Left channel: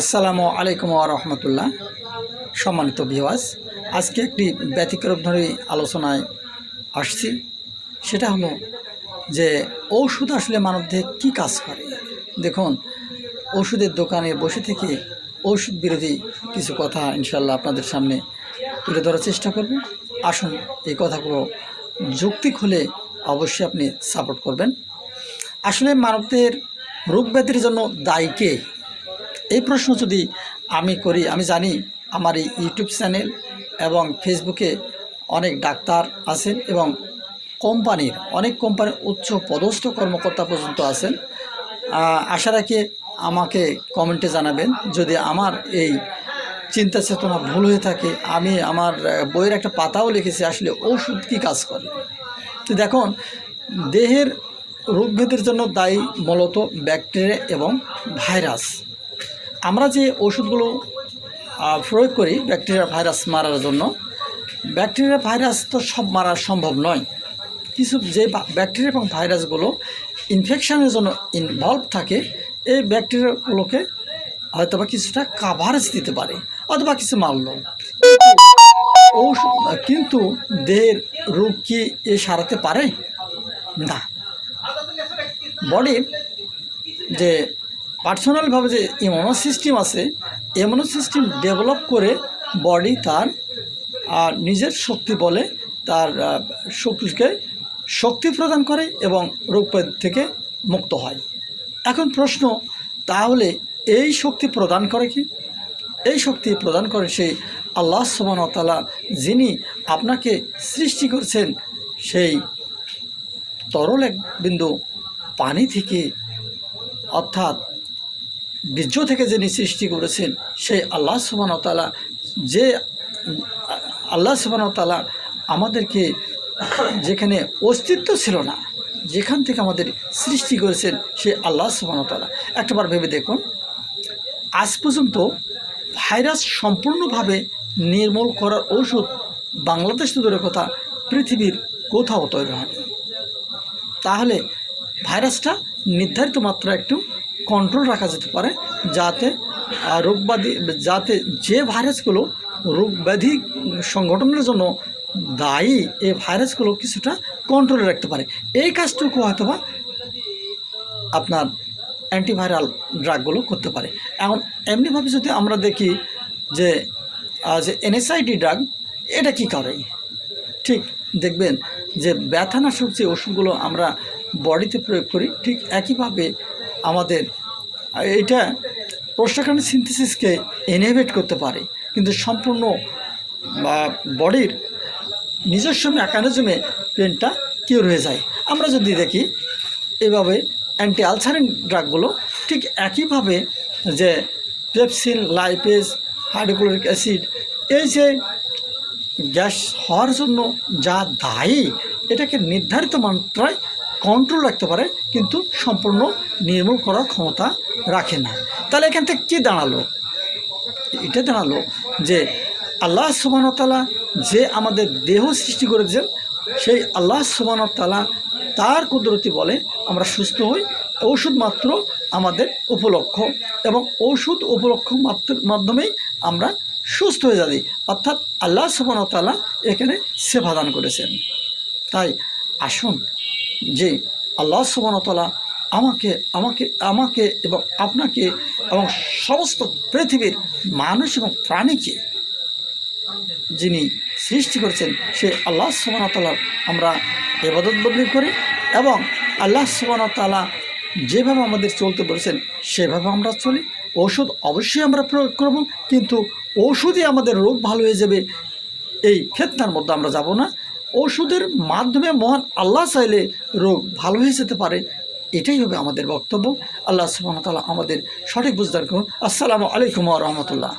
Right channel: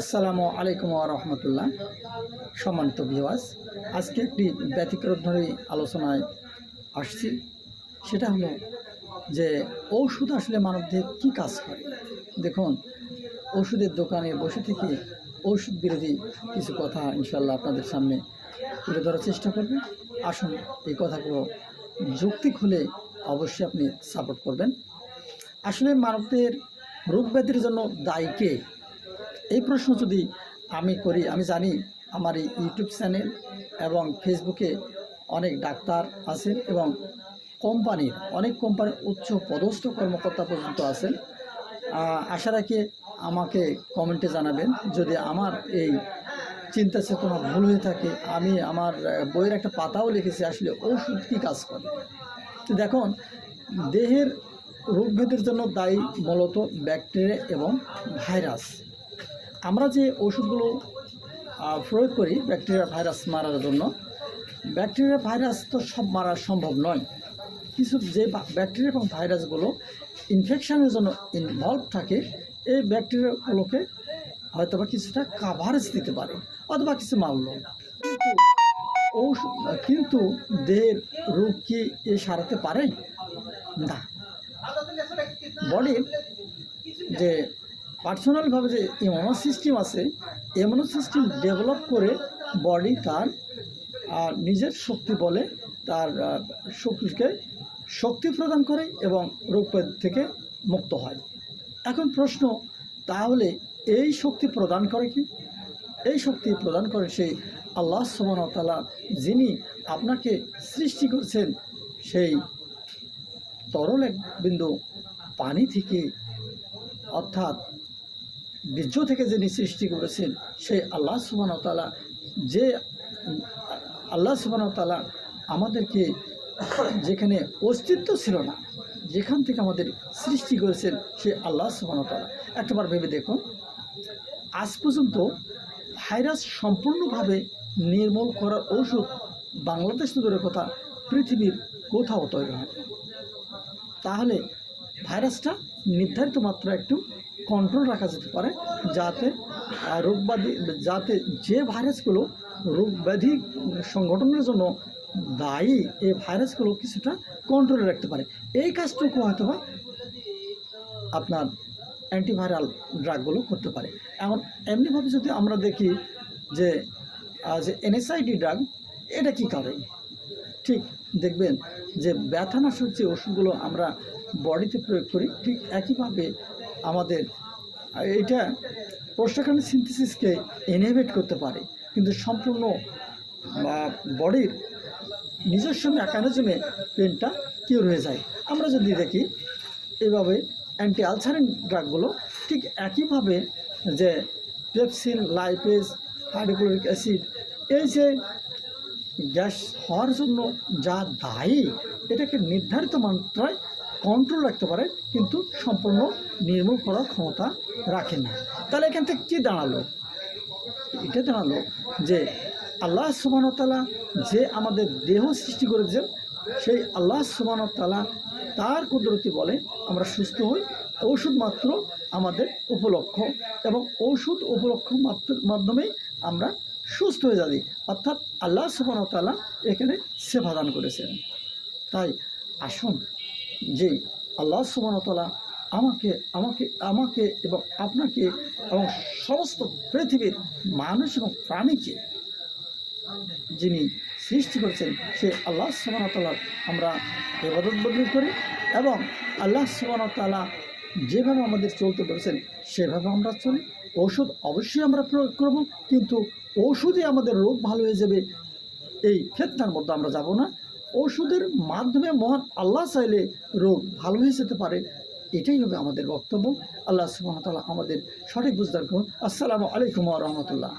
আসসালামু আলাইকুম রহমতুল্লাহ। সম্মানিত ভিওয়াস আজকে একটি ব্যতিক্রম ধরে আলোচনায় আসছি। সেটা হলো যে ঔষধ আসলে মানবদেহে কী কাজ করে? দেখুন ওষুধের দোকানে বসে থেকে ঔষধ বিরোধী কিছু কথা ইনশাল্লাহ আপনাদের সামনে তুলে ধরার চেষ্টা করব। আসুন, এই কথাগুলো যৌক্তিক হলে অবশ্যই আপনি সাপোর্ট করবেন। আসলে মানবদের রোগ ব্যাধির জন্য দায়ী কে? এই প্রশ্ন যদি আমি করি, আমি জানি আমার এই ইউটিউব চ্যানেল এবং ফেসবুকে অনেক ডাক্তার আছেন এবং কোম্পানির, অনেক কোম্পানির উচ্চ পদস্থ কর্মকর্তা পর্যন্ত আছেন। আশা রাখি আমাকে কমেন্টে জানাবেন। যদি আমার এই চিন্তা চেতনা ভুল হয়ে থাকে, আমি আমার বইয়ের একটা পাতাও লিখেছি, আসলে ওষুধ কী কাজ করে? তো দেখুন, দেহের রোগভেদের জন্য দায়ী মূলত ব্যাকটেরিয়া এবং ভাইরাস। আমরা যে ওষুধগুলো প্রয়োগ করি ব্যাকটেরিয়া, ভাইরাস মারার জন্য, ব্যাকটেরিয়া, ভাইরাস তো সব মারা সম্ভব নয়। কিছু যে ব্যাকটেরিয়া এবং ভাইরাসগুলো ইনফেকশনের জন্য ইনভলভ থাকে, এই ব্যাকটেরিয়াগুলোকে হয়তো বা কিছুটা কাভারেজ দিতে পারে, অথবা কিছু মারল। ঔষধ কিন্তু দেহের রোগ কি এ সারাতে পারে? না। বডির যে পার্সোনালভাবে যে ইমিউনো সিস্টেম আছে ইমিউনো সিস্টেম ডেভেলপ করে বডি তার নিজের শক্তি বলে তার শক্তিকে শক্তি প্রদান করে এবং রোগ থেকে মুক্ত হয়। এখন প্রশ্ন, তাহলে এই শক্তি প্রদান করে কি? এই শক্তি প্রদান করে সেই আল্লাহ সুবাহতালা যিনি আপনাকে সৃষ্টি করছেন, সেই তরল এক বিন্দু পানি থেকে, অর্থাৎ বীর্য থেকে যিনি সৃষ্টি করেছেন, সেই আল্লাহ সুবাহতালা যে, আল্লাহ সুবাহতালা আমাদেরকে যেখানে অস্তিত্ব ছিল না, যেখান থেকে আমাদের সৃষ্টি করেছেন সেই আল্লাহ সুবাহতালা একটাবার ভেবে দেখুন, আজ পর্যন্ত ভাইরাস সম্পূর্ণভাবে নির্মূল করার ঔষধ বাংলাদেশ দূরের কথা পৃথিবীর কোথাও তৈরি হয় তাহলে ভাইরাসটা নির্ধারিত মাত্রা একটু কন্ট্রোল রাখা যেতে পারে যাতে রোগব্যাধি যাতে যে ভাইরাসগুলো রোগ ব্যাধি সংগঠনের জন্য দায়ী, এই ভাইরাসগুলো কিছুটা কন্ট্রোলে রাখতে পারে। এই কাজটুকু হয়তোবা আপনার অ্যান্টিভাইরাল ড্রাগগুলো করতে পারে। এখন এমনিভাবে যদি আমরা দেখি যে যে এনএসআইডি ড্রাগ এটা কি করে? ঠিক দেখবেন যে ব্যথানাশক যে ওষুধগুলো আমরা বডিতে প্রয়োগ করি, ঠিক একইভাবে আমাদের। এটা প্রোস্টাকান সিনথেসিসকে এনহেভেট করতে পারে, কিন্তু সম্পূর্ণ বডির নিজস্ব মেকানিজমে পেনটা কিউর হয়ে যায়। আমরা যদি দেখি, এভাবে অ্যান্টি আলসারিন ড্রাগগুলো ঠিক একইভাবে যে পেপসিন লাইপেস হাইড্রোক্লোরিক অ্যাসিড এই যে গ্যাস হওয়ার জন্য যা দায়ী, এটাকে নির্ধারিত মাত্রায় কন্ট্রোল রাখতে পারে, কিন্তু সম্পূর্ণ নির্মূল করার ক্ষমতা রাখে না। তাহলে এখান থেকে কী দাঁড়াল? এটা দাঁড়াল যে আল্লাহ সুবাহতালা যে আমাদের দেহ সৃষ্টি করেছেন, সেই আল্লাহ সুবাহতালা তার কুদরতি বলে আমরা সুস্থ হই, ঔষধ মাত্র আমাদের উপলক্ষ এবং ঔষধ উপলক্ষ মাত্র, মাধ্যমেই আমরা সুস্থ হয়ে যাই। অর্থাৎ আল্লাহ সুবাহতালা এখানে সেবা দান করেছেন। তাই আসুন যে আল্লাহ সুবাহতালা আমাকে আমাকে আমাকে এবং আপনাকে এবং সমস্ত পৃথিবীর মানুষ এবং প্রাণীকে যিনি সৃষ্টি করেছেন সেই আল্লাহ সুবাহতালার আমরা এবাদত বদলি করি এবং আল্লাহ সুবাহতালা যেভাবে আমাদের চলতে বলেছেন, সেভাবে আমরা চলি। ওষুধ অবশ্যই আমরা প্রয়োগ করব, কিন্তু ওষুধই আমাদের রোগ ভালো হয়ে যাবে, এই ফেতনার মধ্যে আমরা যাব না। ওষুধের মাধ্যমে মহান আল্লাহ চাইলে রোগ ভালো হয়ে যেতে পারে। এটাই হবে আমাদের বক্তব্য। আল্লাহ সুবাহতালা আমাদের সঠিক বুঝদার করুন। আসসালামু আলাইকুম রহমতুল্লাহ।